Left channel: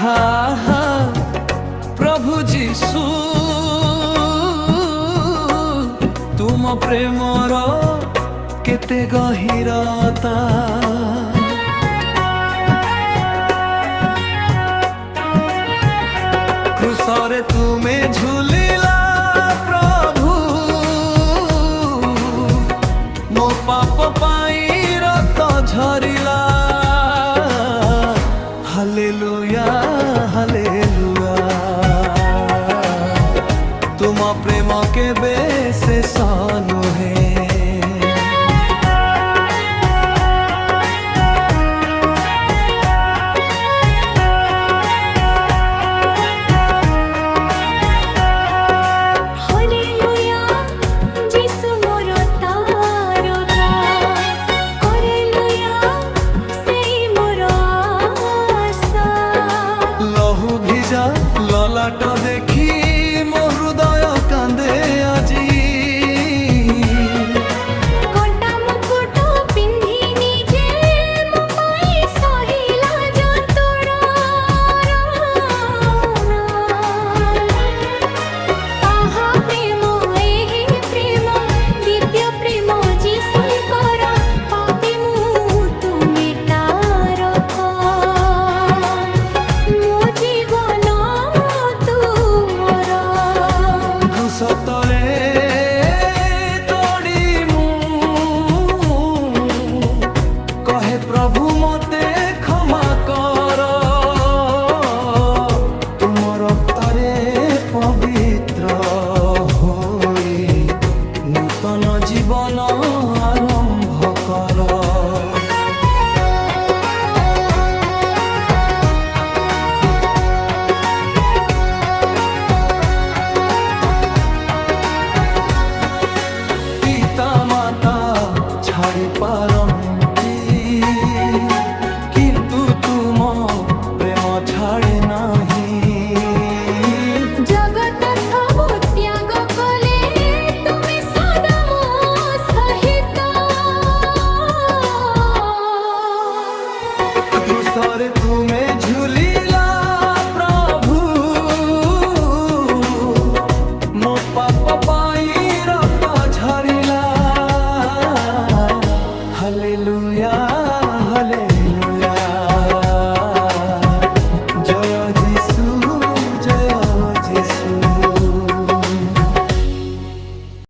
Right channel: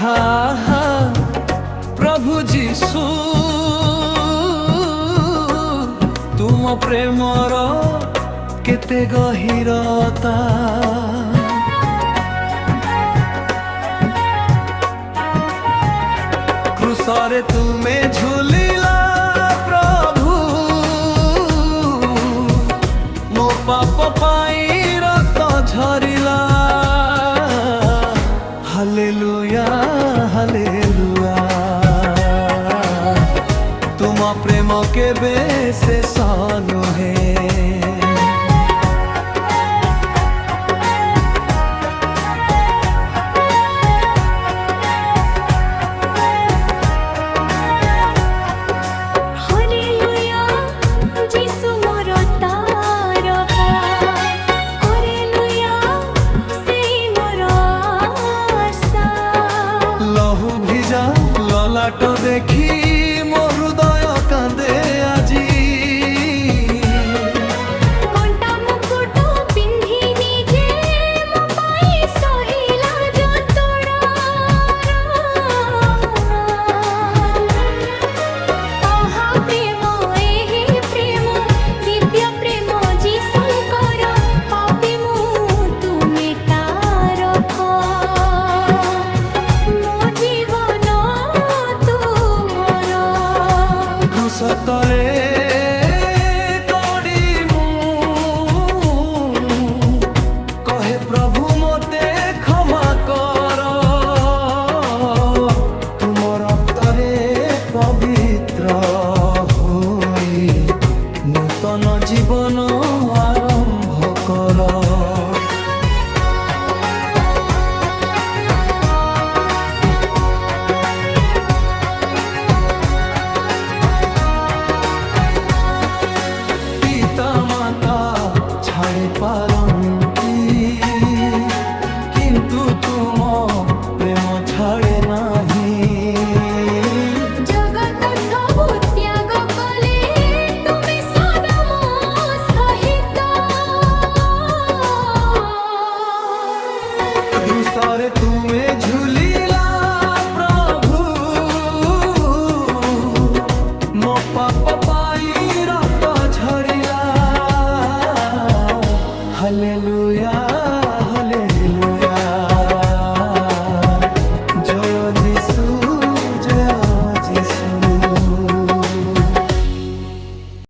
हा हा प्रभु जीशु तुम प्रेमर केते गहिरता क्रूसरे तुमे झुलिला प्रभु मो पाप पाई रक्त झरिला हालेलुया हालेलुया तुम प्रेम केबे शेष नुहे ललाट देखी मो हृदय कांदे आजी कंटा मुकुट पिंधी निजे मो पाई सहिला जंतुड़ा आहा प्रेम एही प्रेम दिव्य प्रेम जीशुंकर पापी मु तुमे तारक मो जीवन सतले तोड़ी मु कहे प्रभु मोते क्षमा कर तुम रक्तरे पवित्र होई नूतन जीवन आरंभ कर पिता माता छाड़ी पारंती किंतु तुम प्रेम छाड़े नहीं जगत सब त्याग कले तुमे सदा मो सहित क्रूसरे तुमे झुलिला प्रभु मो पाप पाई रक्त झरिला हालेलुया हालेलुया जय जीशु जय जीशु।